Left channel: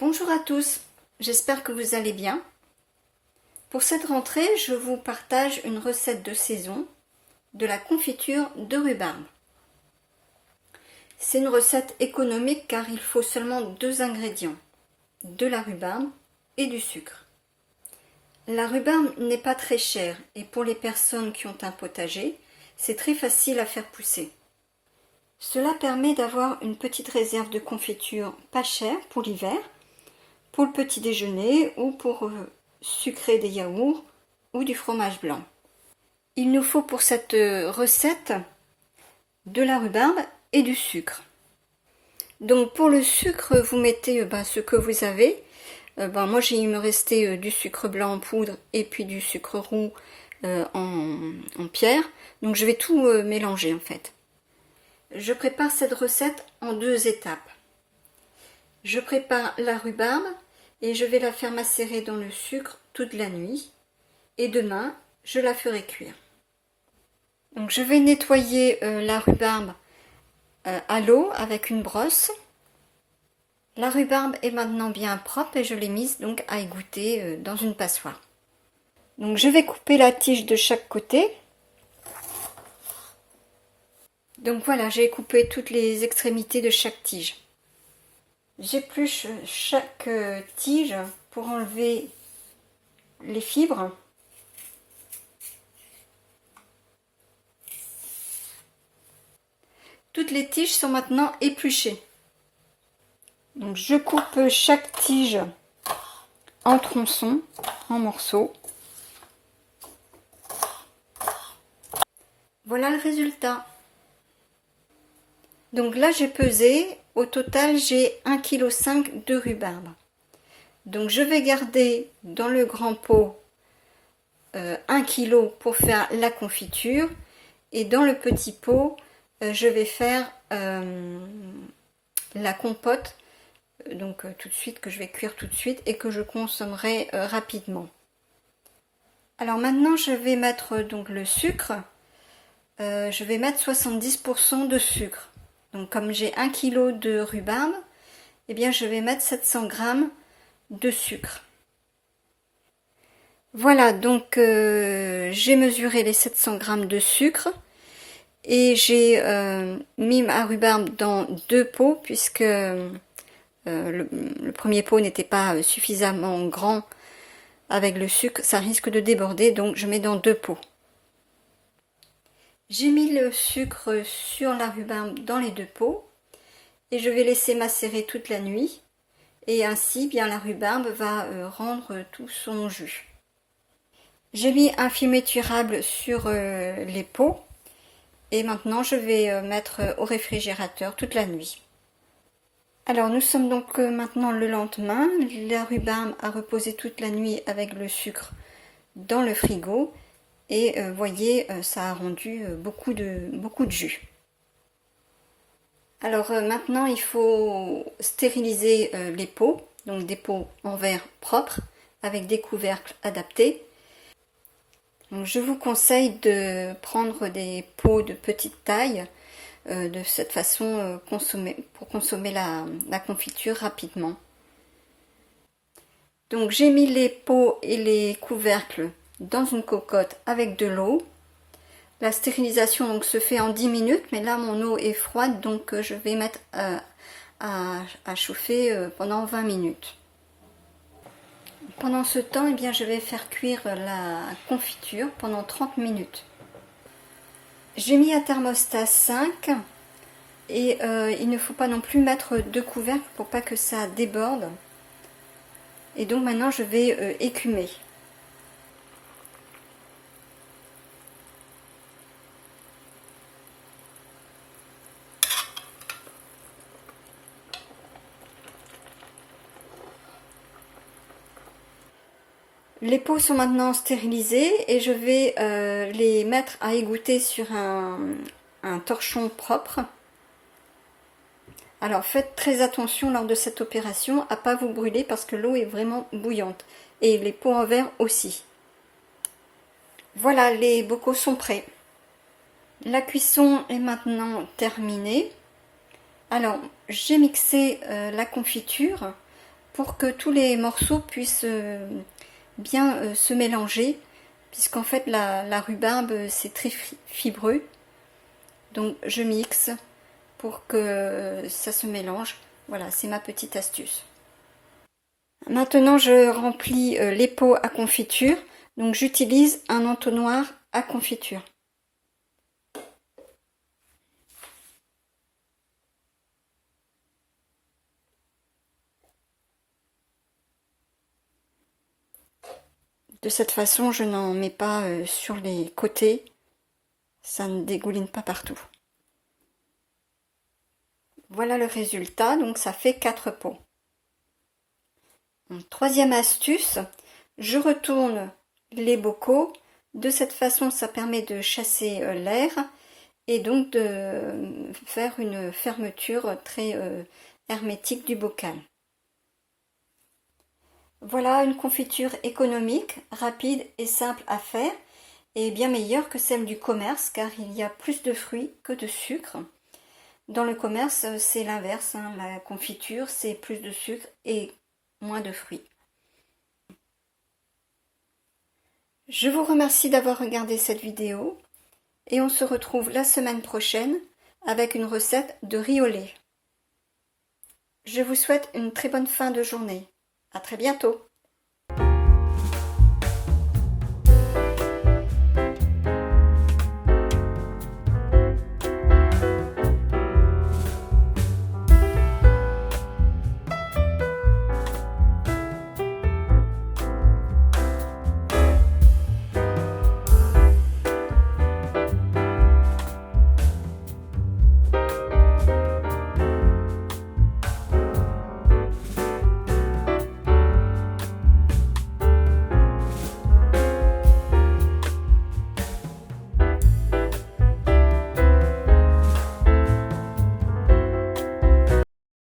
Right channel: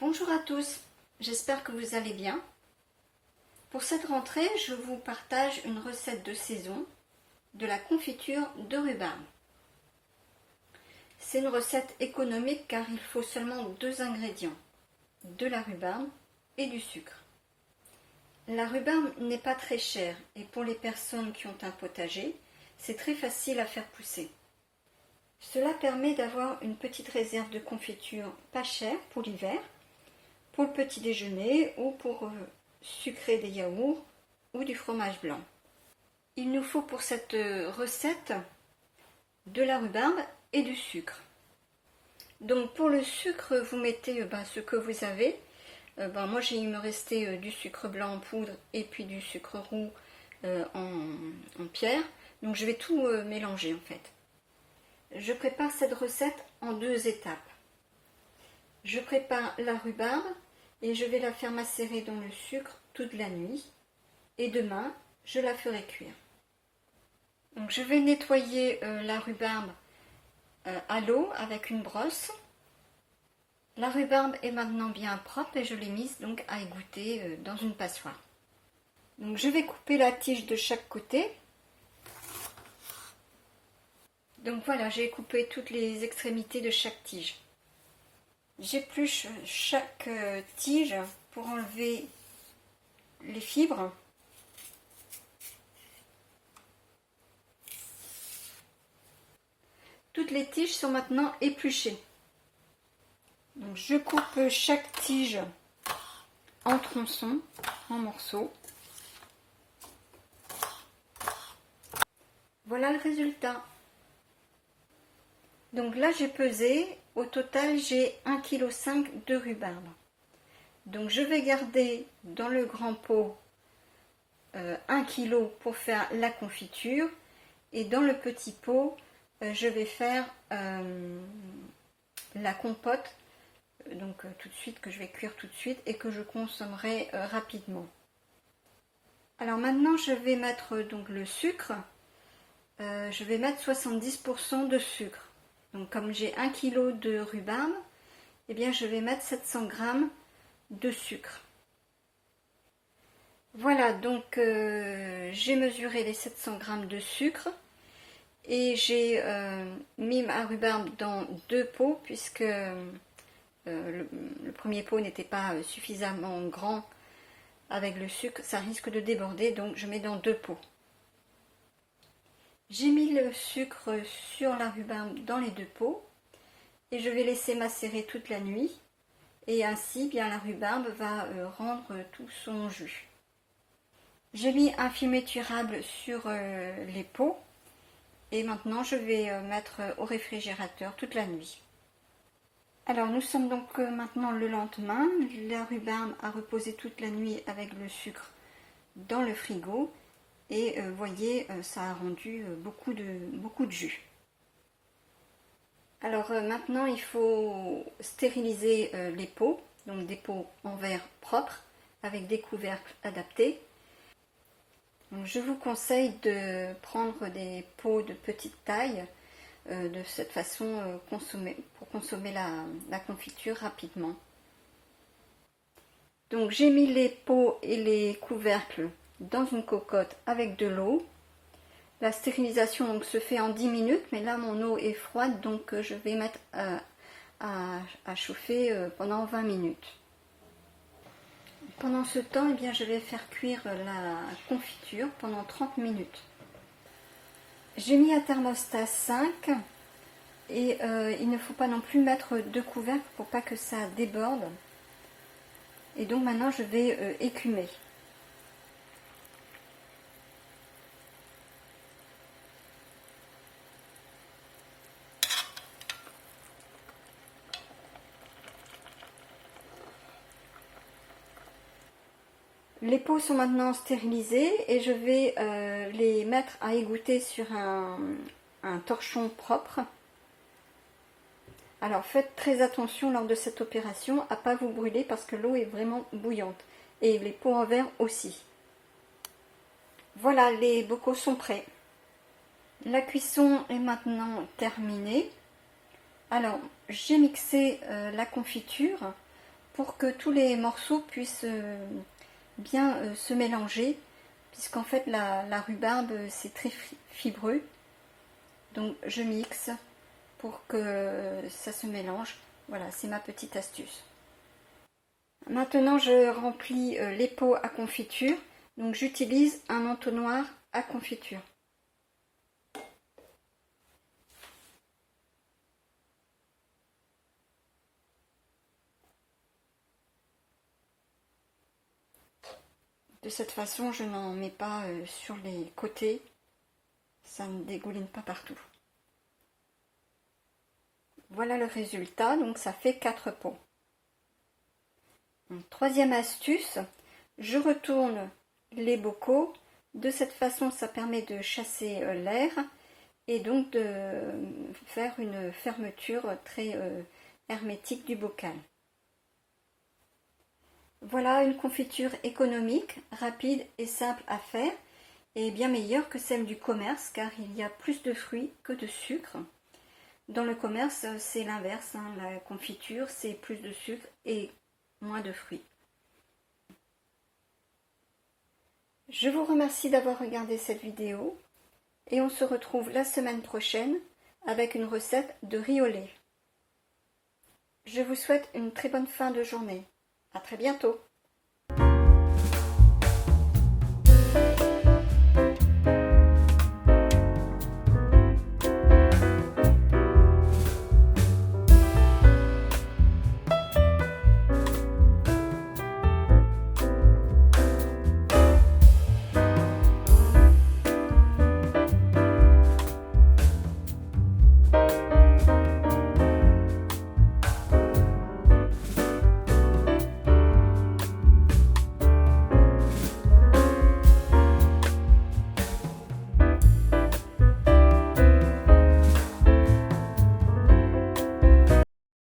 Bonjour à tous, j'espère que vous allez bien. Pour cette rentrée, je vous partage une recette de saison de la confiture de rhubarbe. C'est une recette économique car il faut seulement 2 ingrédients, de la rhubarbe et du sucre. La rhubarbe n'est pas très chère et pour les personnes qui ont un potager, c'est très facile à faire pousser. Cela permet d'avoir une petite réserve de confiture pas chère pour l'hiver, pour le petit déjeuner ou pour sucrer des yaourts ou du fromage blanc. Il nous faut pour cette recette de la rhubarbe et du sucre. Donc pour le sucre, vous mettez ce que vous avez. Moi il me restait du sucre blanc en poudre et puis du sucre roux en pierre. Donc je vais tout mélanger en fait. Je prépare cette recette en 2 étapes. Je prépare la rhubarbe et je vais la faire macérer dans le sucre toute la nuit. Et demain, je la ferai cuire. Donc je vais nettoyer la rhubarbe à l'eau avec une brosse. La rhubarbe est maintenant bien propre et je l'ai mise donc à égoutter dans une passoire. Donc je vais couper la tige de chaque côté. Donc voilà, j'ai coupé toutes les extrémités de chaque tige. J'épluche chaque tige pour enlever les fibres. Toutes les tiges sont maintenant épluchées. Donc je coupe chaque tige en tronçons, en morceaux. Voilà le résultat. Donc là j'ai pesé, au total j'ai 1,5 kg de rhubarbe. Donc je vais garder dans le grand pot 1 kg pour faire la confiture et dans le petit pot je vais faire la compote donc tout de suite, que je vais cuire tout de suite et que je consommerai rapidement. Alors maintenant je vais mettre donc le sucre. Je vais mettre 70% de sucre. Donc comme j'ai 1 kg de rhubarbe, eh bien je vais mettre 700 g de sucre. Voilà, donc j'ai mesuré les 700 g de sucre et j'ai mis ma rhubarbe dans 2 pots puisque le premier pot n'était pas suffisamment grand avec le sucre, ça risque de déborder, donc je mets dans 2 pots. J'ai mis le sucre sur la rhubarbe dans les 2 pots et je vais laisser macérer toute la nuit et ainsi bien la rhubarbe va rendre tout son jus. J'ai mis un film étirable sur les pots et maintenant je vais mettre au réfrigérateur toute la nuit. Alors nous sommes donc maintenant le lendemain, la rhubarbe a reposé toute la nuit avec le sucre dans le frigo et voyez ça a rendu beaucoup de jus. Alors maintenant il faut stériliser les pots, donc des pots en verre propres avec des couvercles adaptés. Donc, je vous conseille de prendre des pots de petite taille. De cette façon pour consommer la confiture rapidement. Donc j'ai mis les pots et les couvercles dans une cocotte avec de l'eau. La stérilisation donc se fait en 10 minutes, mais là mon eau est froide donc je vais mettre à chauffer pendant 20 minutes. Pendant ce temps, eh bien, je vais faire cuire la confiture pendant 30 minutes. J'ai mis un thermostat 5 et il ne faut pas non plus mettre de couvercle pour pas que ça déborde. Et donc maintenant je vais écumer. Les pots sont maintenant stérilisés et je vais les mettre à égoutter sur un torchon propre. Alors faites très attention lors de cette opération à ne pas vous brûler parce que l'eau est vraiment bouillante et les pots en verre aussi. Voilà, les bocaux sont prêts. La cuisson est maintenant terminée. Alors j'ai mixé la confiture pour que tous les morceaux puissent bien se mélanger, puisqu'en fait la rhubarbe c'est très fibreux. Donc je mixe pour que ça se mélange. Voilà, c'est ma petite astuce. Maintenant je remplis les pots à confiture. Donc j'utilise un entonnoir à confiture. De cette façon, je n'en mets pas sur les côtés, ça ne dégouline pas partout. Voilà le résultat, donc ça fait 4 pots. Donc, troisième astuce, je retourne les bocaux. De cette façon, ça permet de chasser l'air et donc de faire une fermeture très hermétique du bocal. Voilà une confiture économique, rapide et simple à faire et bien meilleure que celle du commerce car il y a plus de fruits que de sucre. Dans le commerce, c'est l'inverse, hein. La confiture, c'est plus de sucre et moins de fruits. Je vous remercie d'avoir regardé cette vidéo et on se retrouve la semaine prochaine avec une recette de riz au lait. Je vous souhaite une très bonne fin de journée. À très bientôt.